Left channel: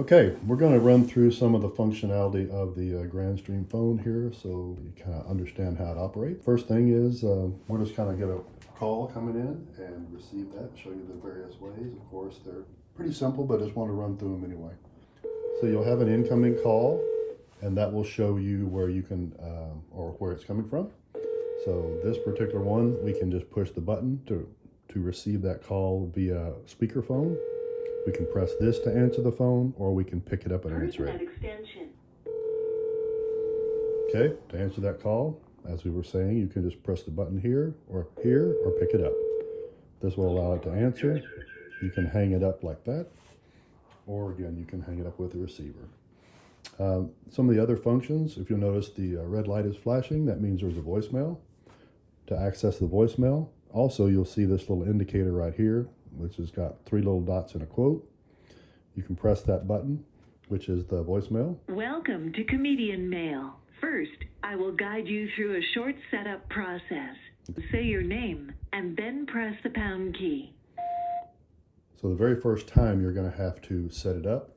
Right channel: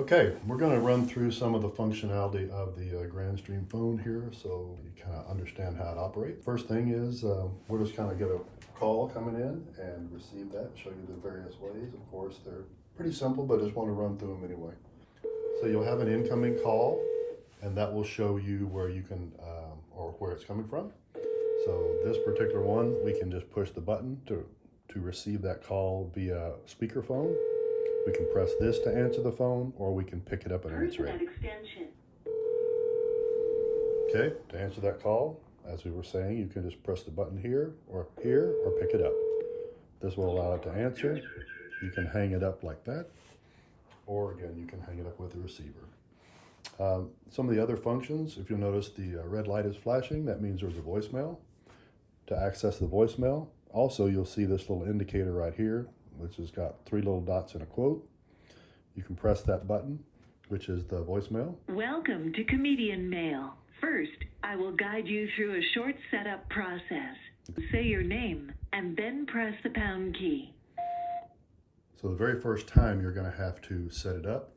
Okay, we're going to run through some of the functionality of the GrandStream phone here so you kind of understand how it operates. First thing is we'll just kind of get a call coming in and receive that, show you the various ways. Of course, they're pretty simple, but I just want to run through them anyway. So you'll have an incoming call, and that will show you where you can, or where it's coming from. So this particular one, we can just push the button to receive that call via speakerphone. We can press this to answer the phone, or we can pick it up and answer it. Okay, to answer that call, as we were saying, you can just press the button here, or pick it up. This will allow it to answer. You can hang it up like that, or again, you can hang it up with the receiver. Some of the other functions, if you'll notice the red light is flashing, that means there's a voicemail. To access the voicemail, also you'll see this little indicator right here, which has got 3 little dots and a quote. You can press that button, which is the voicemail. Welcome to Comedian Mail. First, I will guide you through a short setup process. Say your name and then press the pound key. So the very first time you're going to have to set it up,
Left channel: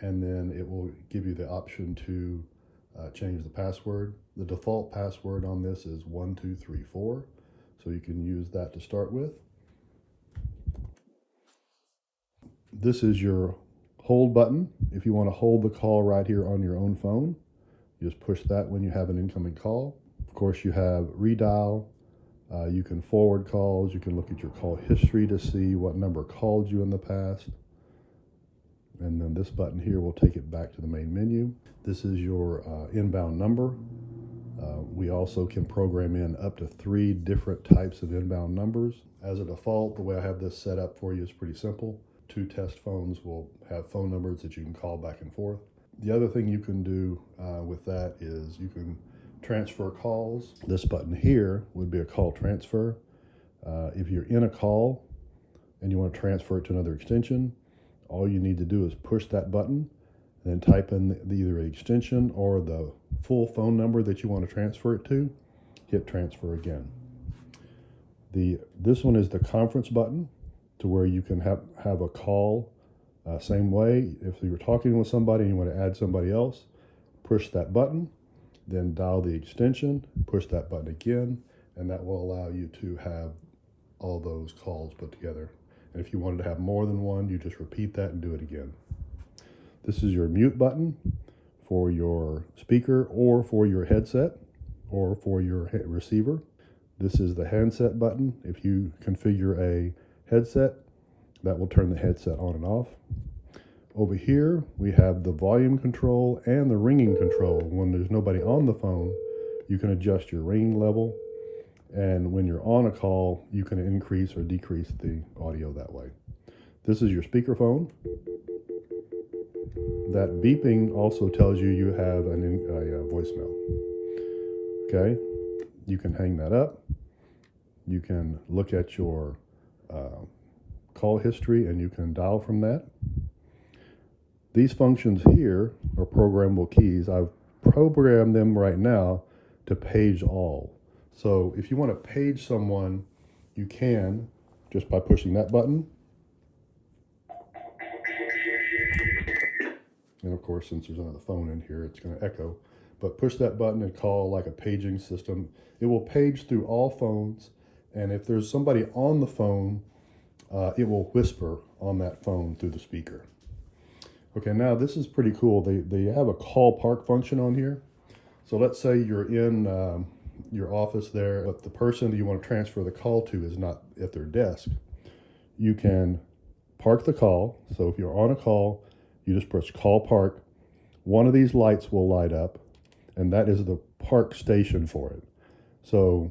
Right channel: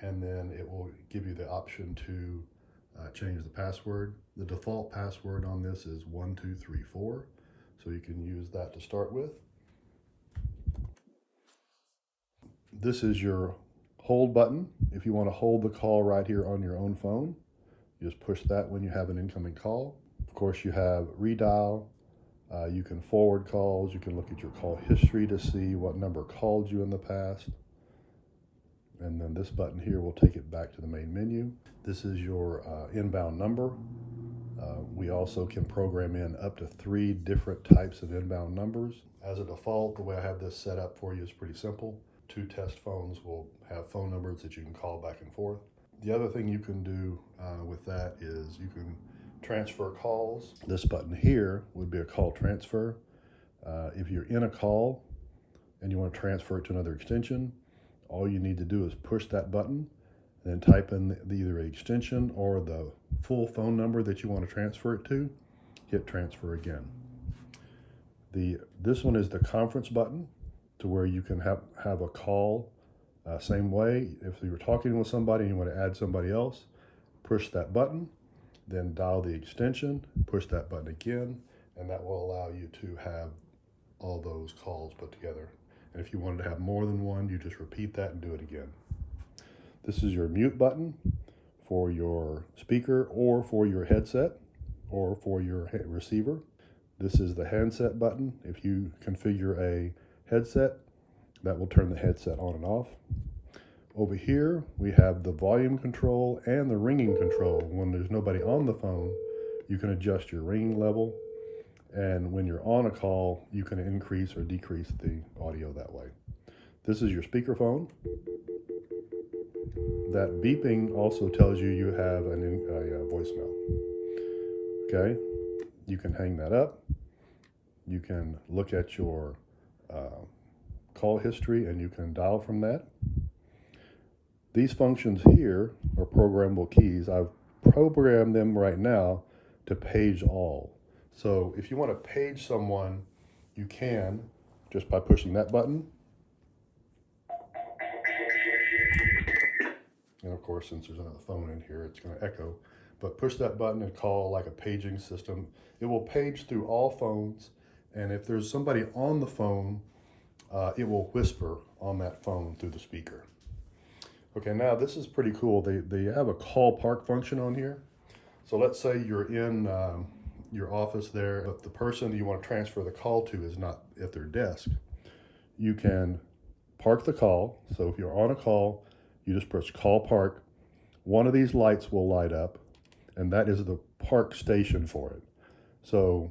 and then it will give you the option to change the password. The default password on this is 1234, so you can use that to start with. This is your hold button. If you want to hold the call right here on your own phone, you just push that when you have an incoming call. Of course, you have redial. You can forward calls. You can look at your call history to see what number called you in the past. And then this button here will take it back to the main menu. This is your inbound number. We also can program in up to 3 different types of inbound numbers. As a default, the way I have this set up for you is pretty simple. 2 test phones will have phone numbers that you can call back and forth. The other thing you can do with that is you can transfer calls. This button here would be a call transfer. If you're in a call and you want to transfer it to another extension, all you need to do is push that button, then type in either an extension or the full phone number that you want to transfer it to, hit transfer again. This one is the conference button, to where you can have a call same way. If you're talking with somebody and you want to add somebody else, push that button, then dial the extension, push that button again, and that will allow you to have all those calls put together. And if you wanted to have more than one, you just repeat that and do it again. This is your mute button for your speaker or for your headset or for your receiver. This is the handset button. If you configure a headset, that will turn the headset on and off. Over here, we have the volume control and the ringing control. When there's nobody on the phone, you can adjust your ringing level. And when you're on a call, you can increase or decrease the audio that way. This is your speakerphone. That beeping also tells you you have a voicemail. Okay, you can hang that up. You can look at your call history and you can dial from that. These functions here are programmable keys. I've programmed them right now to page all. So if you want to page someone, you can just by pushing that button. And of course, since there's another phone in here, it's going to echo. But push that button and call like a paging system. It will page through all phones. And if there's somebody on the phone, it will whisper on that phone through the speaker. Okay, now this is pretty cool. They have a call park function on here. So let's say you're in your office there, but the person that you want to transfer the call to is not at their desk. You can park the call. So if you're on a call, you just press call park. One of these lights will light up, and that is the park station for it. So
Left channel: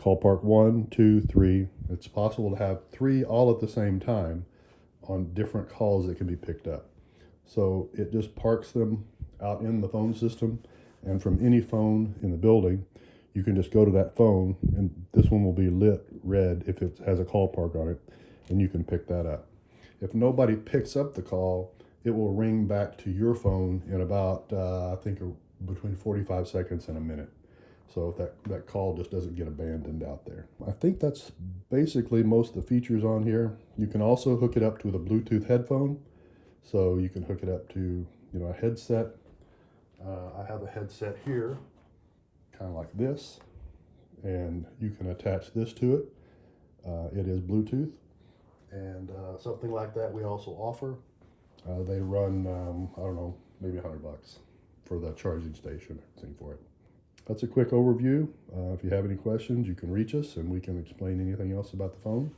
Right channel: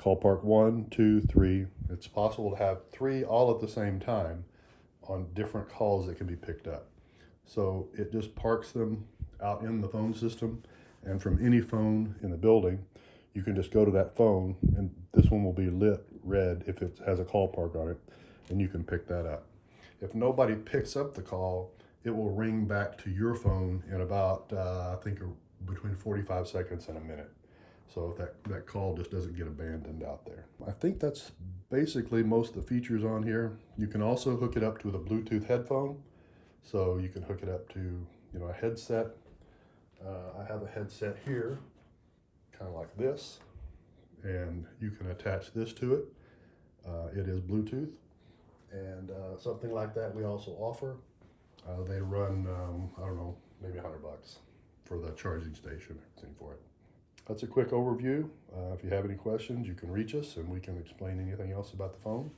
call park 1, 2, 3. It's possible to have 3 all at the same time on different calls that can be picked up. So it just parks them out in the phone system, and from any phone in the building, you can just go to that phone, and this one will be lit red if it has a call park on it, and you can pick that up. If nobody picks up the call, it will ring back to your phone in about, I think, between 45 seconds and a minute. So that call just doesn't get abandoned out there. I think that's basically most of the features on here. You can also hook it up to the Bluetooth headphone. So you can hook it up to, a headset. I have a headset here, kind of like this, and you can attach this to it. It is Bluetooth, and something like that we also offer. They run, I don't know, maybe $100 for the charging station, everything for it. That's a quick overview. If you have any questions, you can reach us and we can explain anything else about the phone.